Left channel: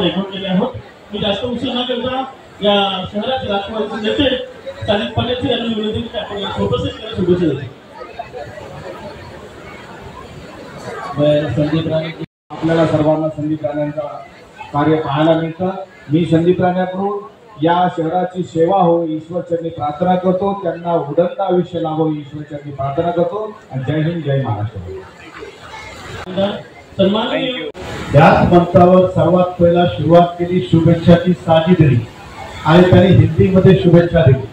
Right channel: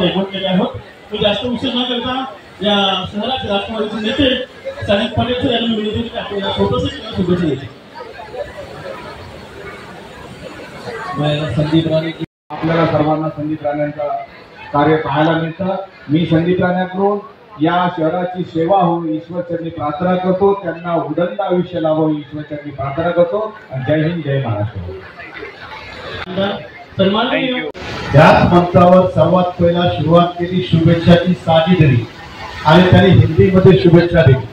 आपण एकवटलेले आहोत. मी जास्त उशीर न करता या शहराचे राष्ट्रवादीचे नेते सादिक पाटील यांनी विनंती की आपण या छोटंसं शुभेच्छा देतो. संदीप राणे, आपल्याला सर्वांना संदीप राणेंचा कार्य पाहायला मिळतं. मी संदीप राणेकडून या शहराची सेवा हो ईश्वरचरणी प्रार्थना करतो. त्यांना उदंड आयुष्य लाभो ईश्वरचरणी प्रार्थना करतो. आणि जय हिंद, जय महाराष्ट्र. त्याच मंचावर सर्वात पहिला सुरुवात केली शुभेच्छाची साजिदरी आणि त्यांनी हिंदीमध्ये शुभेच्छा दिली.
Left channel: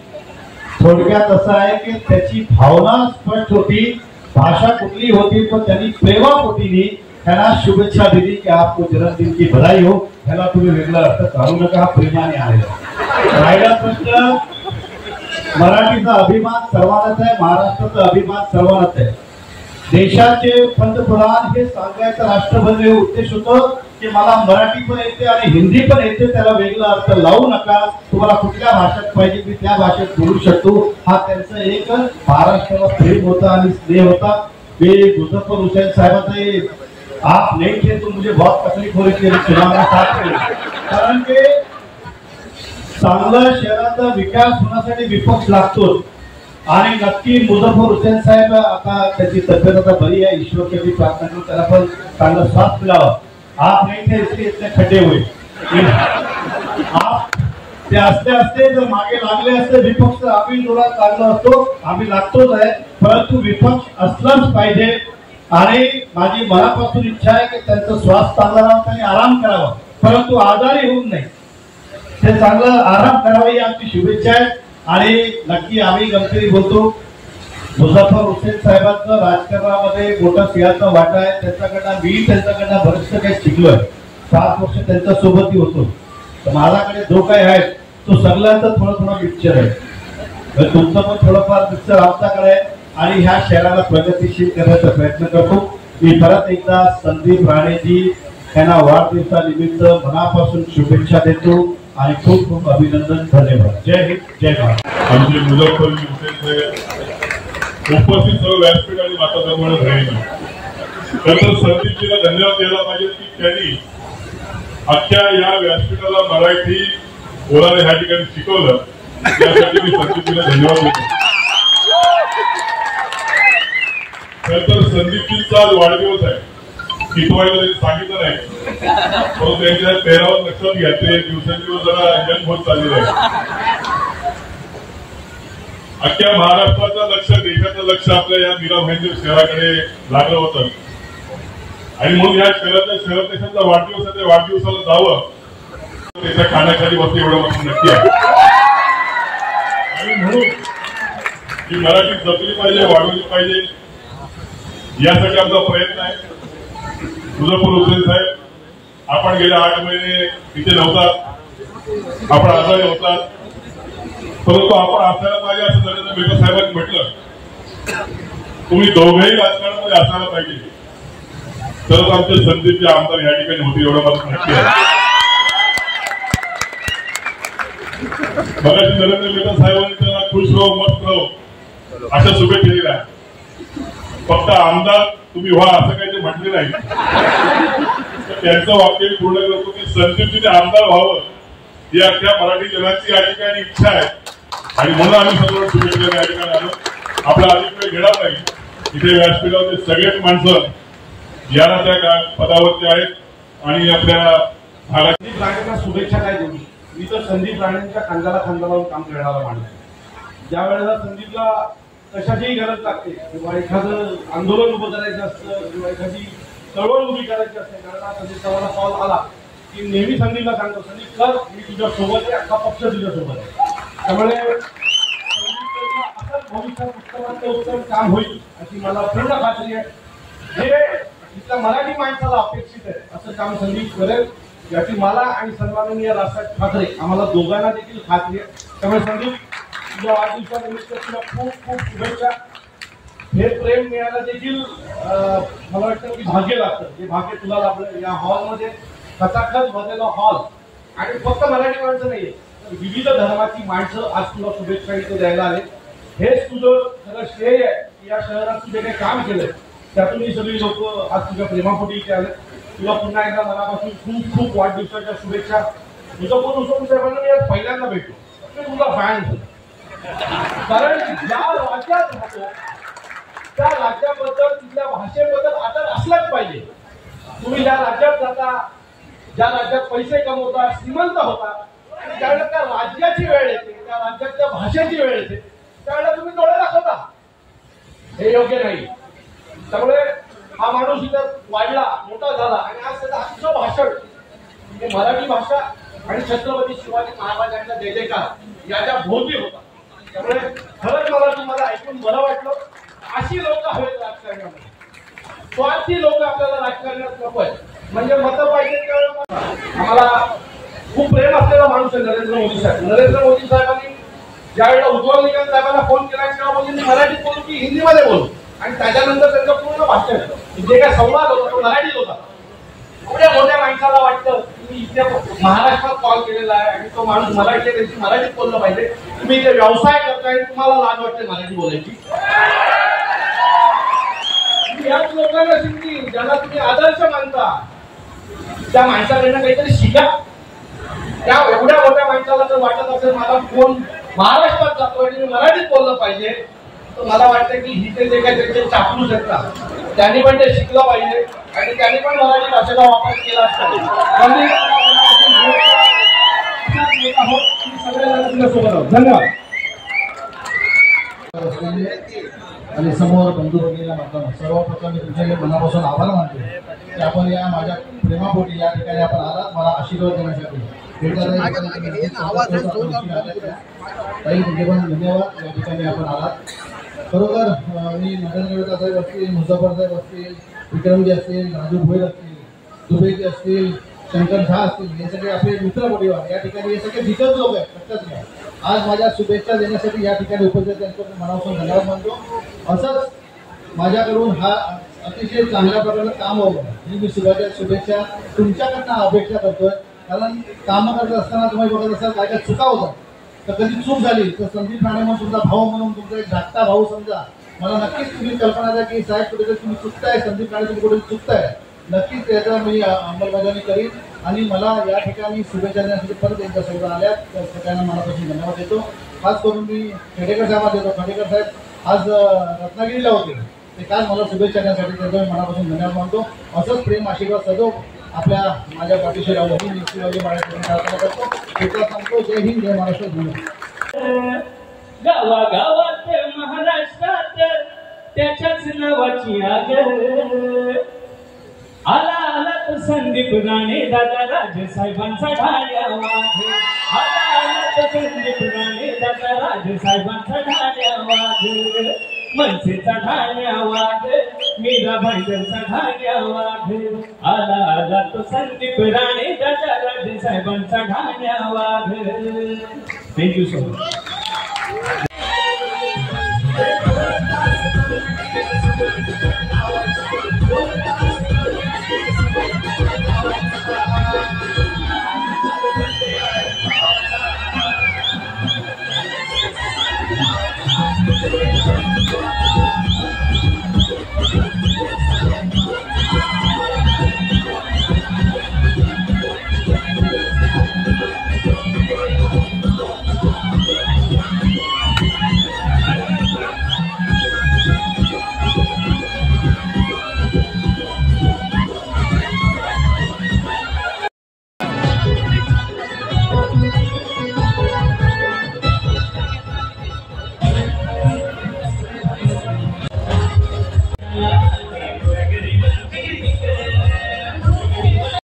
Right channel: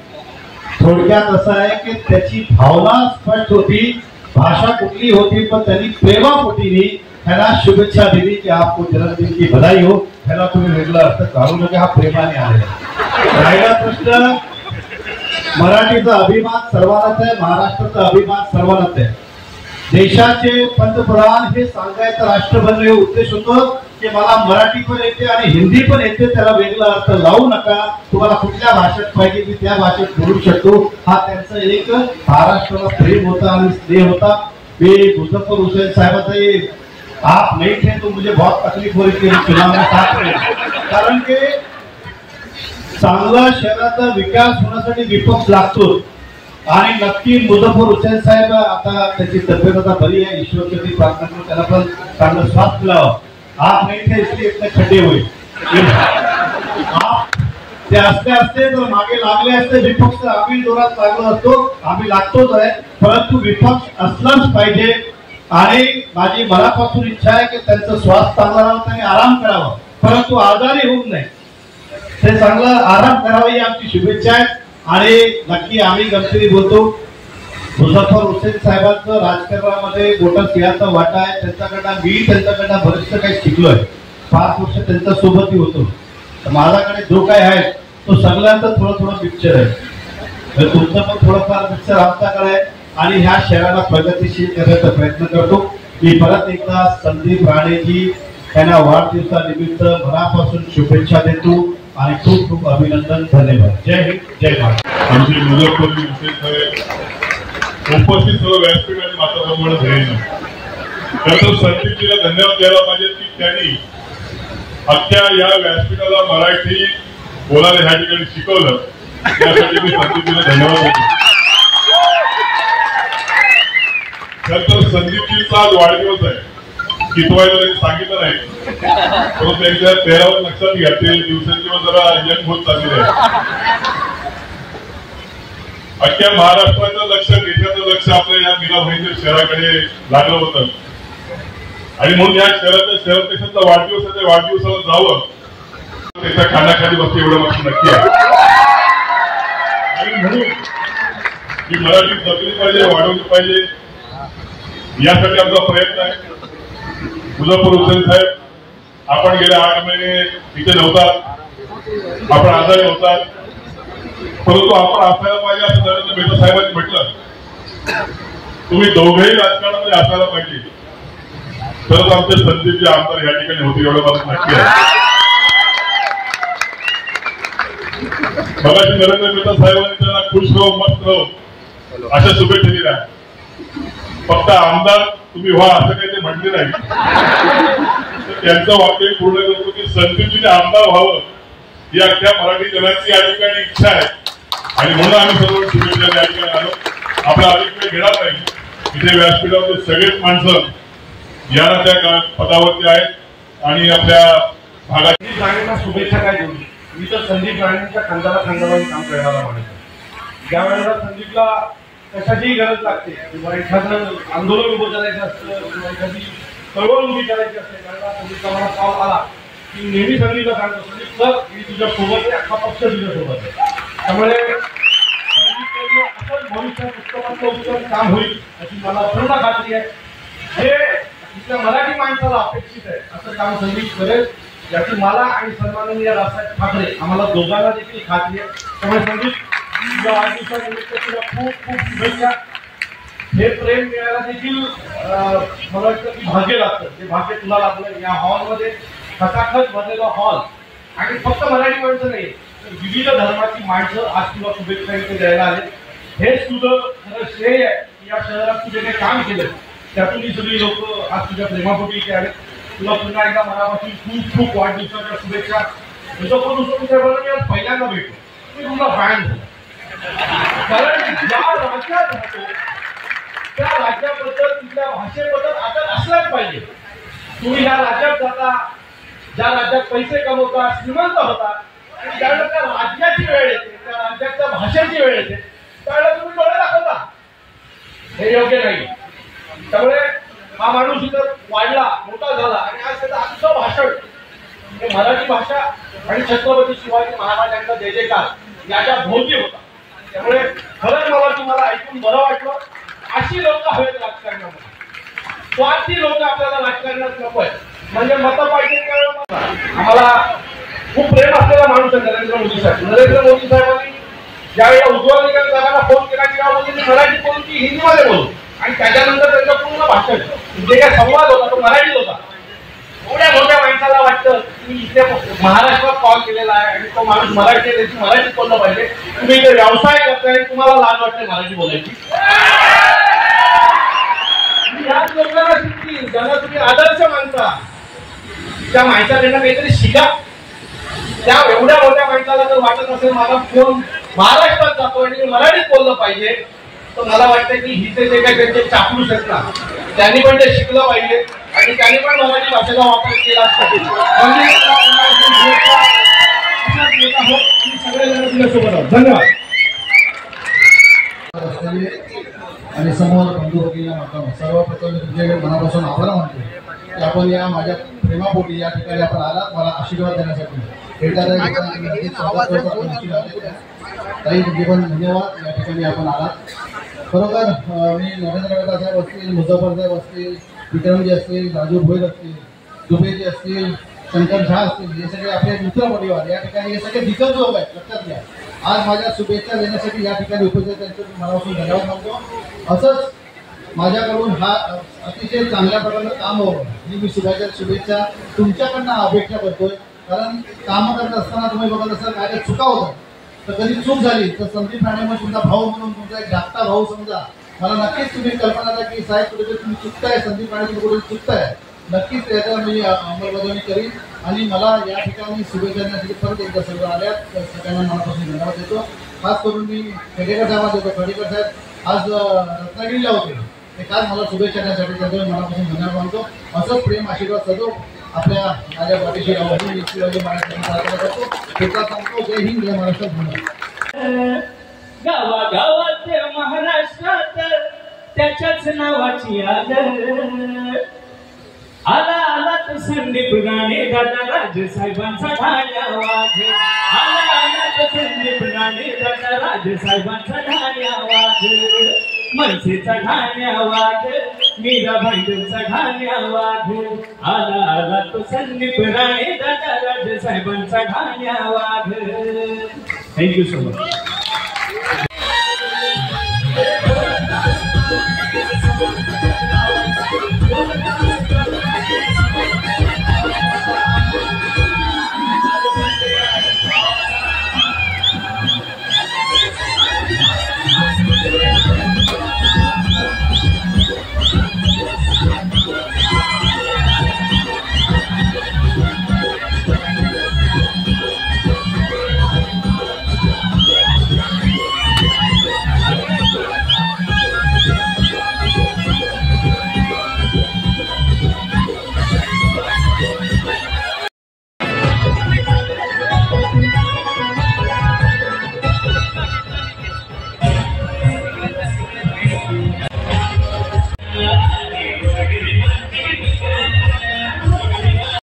थोडक्यात असं आहे की त्याची भावना स्पष्ट होती, भाषा कुठली होती, पण त्यांनी प्रेमापोटीने त्यांना शुभेच्छा दिली की आपको जन्मदिन की बधाई हो. त्याला तुम्ही वेगळा अर्थ काढू नका, हा प्रेमाने आलेला. राहिला प्रश्न, मराठीचा अभिमान सर्वांनाच आहे, महाराष्ट्राचा अभिमान सर्वांनाच आहे. देशाचे पंतप्रधान हे सांगायचं राष्ट्रभर उद्देश होतो की मला मराठी पण येते आणि हिंदी पण येते, त्याला वेगळा अर्थ लावू नका, तुम्हाला कुठल्या भाषेत पाहिजे मी त्या भाषेत बोलू शकतो. हा त्यांचा एक महाराष्ट्राला प्रेम होता आणि स्नेह होता. मी मुझफ्फर हुसैन साहेबांचा आप नहीं थे तो मुझे बहुत तकलीफ हो रही थी चुनाव में साथ में, कारण की चांगला शहराचा विकास होण्यासाठी विपक्ष लागतो. आणि नक्की मुझफ्फर हुसैन साहेब आता त्याची तब्येत आता बरी आहे, ईश्वरची प्रार्थना करून त्याला पण चांगलं स्वास्थ्य लावा. आप नहीं थे इसलिए इतने खड्डे हुए. आप ते असते असते जर मागे लागले असते विपक्ष आम्ही जोरात लागलो असतो, आम्ही लागतोच आहे, परंतु विपक्ष असलाच पाहिजे. आणि माझी मनापासून इच्छा आहे की त्यांचं स्वास्थ्य चांगलं राहावं, त्यांनी आराम करावा, परंतु आजारी होऊ नये, ते चांगलं आराम करावा ही आमची शुभेच्छा आहे. आणि नक्की आम्ही गमतीने बोलतो, मुझफ्फर हुसैन साहेबांचं राजकारणामध्ये मोठा सिंहाचा वाटा आहे. त्यांच्याकडनं मी त्यांच्याकडनं बरेचसं काही शिकलोय. 5 वर्ष त्यांच्या सोबतही होतो. तर माझ्याकडे जो काही आहे तो सगळ्यांचा थोडं थोडं पिक्चर आहे. तुमचं पण थोडंफार पिक्चर आमच्याकडे आहे आणि ह्या शहराला प्रगतीशील करण्याचा प्रयत्न करतो. मी परत एकदा संदीप राणेजी यांना वाढदिवसानिमित्त मनापासून शुभेच्छा देतो आणि खूप खूप अभिनंदन. धन्यवाद. जय हिंद, जय भारत. आमचे मुझफ्फर हुसैन साहेब उपस्थित सर्व व्यासपीठ आणि माताप्रमाणे धन्यवाद. खरं संदीपजीला धन्यवाद द्यायला पाहिजे की त्यांनी अख्ख्या या व्यासपीठाला मराठी बोलायला ह्या ठिकाणी शिकवलं. त्यासाठी मी संदीपजीला धन्यवाद देतो. खरं संदीपजींचा आज वाढदिवस आहे, कितवायला त्यांनी सांगितलं नाही, परंतु त्यांच्या चेहऱ्यावर लक्षात घ्या ते दिवसेंदिवस जरा यंग होत चाललेले आहे. अख्ख्या महाराष्ट्राचं लक्ष, देशाचं लक्ष आपल्या या मीरा भाईंच्या शहराकडे लागलं होतं आणि म्हणून या शहराच्या शहरदेशाचा वाढदिवस आहे, त्या वाढदिवसाला जावं, त्याच्या खाण्याखाली बसते एवढं मात्र नक्की आहे. आणि म्हणून ही मराठी जपली पाहिजे, वाढवली पाहिजे, यासाठी आमचा प्रयत्न आहे. मुझफ्फर हुसैन साहेब, आपण गेले 8 महिने इथे नव्हतात, आपण आजारी होतात, परंतु आपण असायला पाहिजे असं नरेंद्र मेहता साहेबांनी म्हटलं. तुम्ही दोघेही राजकारणामध्ये असायला पाहिजे, तरच आमचे संदीपचे आमदार या ठिकाणी होते एवढं मला नक्की आहे. मगाशी नरेंद्र मेहता साहेबांनी त्यांना खुश राहो, मस्त राहो अशा शुभेच्छा दिल्या. फक्त आमदार तुम्ही व्हा असं काही ते म्हटले नाही. त्यांचं वाक्य पूर्ण करतो की संदीपजीने आमदार व्हावं ही अख्ख्या मराठी जनाची या ठिकाणी इच्छा आहे आणि म्हणून आम्ही सर्व शुभेच्छा या ठिकाणी आलो. आपला अधिक वेळ घेणार नाही. इथे व्यासपीठावरचे सगळेच माणसं या त्या पदावरती आहेत आणि आपल्या भागातील राणेंना शुभेच्छा काय देऊ. मी तर संदीप राणेंच्या खांद्याला खांदा काम करणारा माणूस. ज्या वेळेला संदीपला कशाचीही गरज लागते किंवा एखादं आंदोलन उभं करायचं असतं किंवा एखादी चळवळ उभी करायची असते, कारण संदीपचा मला कॉल आला की नेहमी संदीपला सांगतो, संदीप सर मी तुझ्या सोबत आहे, अख्खा पक्ष तुझ्या सोबत आहे. त्यामुळे असंच भविष्यात उत्तम काम होईल अशी मला पूर्ण खात्री आहे. हे इथल्या मराठी माणसाला अपेक्षित आहे असं काम संदीप करेल याची मला आणि सन्माननीय राजसाहेब ठाकरे आम्हाला दोघांना देखील खात्री आहे. त्यामुळे संदीप तुझ्या वाढदिवसानिमित्त तुला खूप खूप शुभेच्छा. हे प्रेम मिळायला देखील मला वाटतं की भाग्य लागतं, जे भाग्य तुला लाभलं. या हॉलमध्ये खचाखच भरलेला हॉल आणि फक्त मराठी माणसं नाही तर विविध धर्माची माणसं आज तुला शुभेच्छा इथे द्यायला आले. हेच तुझं खरं श्रेय आहे की या शहरात तुझे काही काम केलं त्यातून ही सगळी लोक आज तुझ्या प्रेमापोटी इथे आले. तुला पुन्हा एकदा मनापासून खूप खूप वाढदिवसाच्या शुभेच्छा. तुझं कोण उसळ पहिल्यांदा भेटलो मी तुला फॅन झालो. कारण ज्या राज्यात राहतो त्या राज्याबद्दल तिथल्या भाषेबद्दल आदर असलाच पाहिजे. तुम्ही ज्या राज्यात जाता, ज्या राज्यात पैसे कमवता, श्रीमंत होता, आणि ज्यावेळेला त्या राज्याची वेळ येते, त्या राज्याच्या भाषेची वेळ येते, त्यावेळेला तुम्ही डोळे दाखवता. हे योग्य नाही. त्यामुळे हा माणूस इथं वाढला, मोठा झाला आणि आज त्याचं आजचं भाषण हे मराठी भाषा आणि छत्रपती शिवाजी महाराजांचा जय जयकार याच्या भोवती होता. त्यामुळे खरंच मला तुम्हाला ऐकून बरं वाटलं. अशी लोक हवेत राजकारणामध्ये. स्वार्थी लोक आपल्याला राजकारणात नको आहेत. म्हणजे मतं पाहिजे. आम्हाला खूप प्रेम असलेला माणूस आहे नरेंद्र मोदी साहेब. नरेंद्र मोदी साहेबांनी ज्यावेळी उज्ज्वल निकम साहेबांना फोन केला की मोदींनी मराठीत बोलू की हिंदीमध्ये बोलू, आणि त्याच्यानंतर त्यांचं पूर्ण भाषण जे काय संवाद होता तो मराठीत होता. एवढ्या मोठ्या माणसाला वाटतं की इथे महाराष्ट्रात कॉल केलेला आहे आणि तो माणूस मराठीत बोललं पाहिजे. तुम्ही इथे व्यवसाय करताय, तुम्हाला लाज वाटते मराठी बोलायची. याच लोकांना शिकतील ज्यांना तुम्ही आदर्श मानता. त्या माणसाकडनं काहीतरी शिका. त्या एवढ्या मोठ्या माणसाला जर वाटत असेल माझा फोन महाराष्ट्रात जातो आणि मराठीत बोललं पाहिजे, तर मला वाटतं की हिचे जे काही त्यांचे चापलूस आहेत ना, त्यांनी पण ते शिकलं पाहिजे आणि त्यांनी पण मराठी भाषेचा वापर केला पाहिजे. धन्यवाद. आणि समोर बंधू भगिनींना माध्यम सर्वप्रथम मी तुमच्याकडे मनापासून आभार मानतो की आपण या माझ्या प्रेमापोटी या ठिकाणी आपण आलात मला आशीर्वाद देण्यासाठी. ताई तुमचे पण धन्यवाद. या ठिकाणी आपण आलात. खरोखर मी नरेंद्र मेहता साहेब असतील, मुझफ्फर साहेब असतील, विक्रमजी असतील, राजू भोईर असतील, दुबेजी असतील, शंकर झा असतील, हे सगळे आपले मित्र परिवार या ठिकाणी हे सगळे दिग्गज लोक आहेत. लक्षात घ्या. आज माझ्या शुभेच्छा देण्यासाठी या ठिकाणी उपस्थित त्यांचं मनापासून धन्यवाद मानतो. असंच माझ्याकडून हा अतिशय चांगल्या प्रकारे काम व्हावं ही मी शुभेच्छा तुमच्याकडनं अपेक्षा करतोय. कारण कामं करत असताना तुम्ही बघत असाल काय काय चुका होतात, तर कधी चूक झाली तर संदीप राणे म्हणून तुमचा भाऊ म्हणून तुमचा एक धाकटा भाऊ समजा. मला नक्कीच तुम्ही कल्पना द्या की साहेब कुठेतरी तुम्ही चुकताय, संदीप राणे तुम्ही कुठे चुकताय. नक्कीच त्याचा मी अंमलबजावणी करीन. आणि मला या ठिकाणी शुभेच्छा देण्यासाठी परत एकदा सर्व आल्यात तर सगळ्यांना मनापासून धन्यवाद देतो. खास करून मी खेडेकर साहेबांना देतो. खेडेकर साहेब आज रत्नागिरीला होते, ते काल मला शुभेच्छा देण्यासाठी त्याचा मनापासून धन्यवाद मानतो. असंच प्रेम आशीर्वाद सदैव आपल्या माझ्या पाठीशी राहून शिवाजी महाराज करतो. त्याचा सांगतो जय हिंद, जय महाराष्ट्र. गावागावात महाराष्ट्रात त्याच्याच नावाची आगर. आला आला तर संदीप राणे दादा राजसाहेबांचा ढाल्या वाघ. आला आला तर संदीप राणे दादा राजसाहेबांचा ढाल्या वाघ. मनसेचा ढाल्या वाघ, मीराबाईंचा ढाल्या वाघ. आला आला तो संदीप राणे दादा राजसाहेबांचा ढाल्या वाघ. Thank you so much.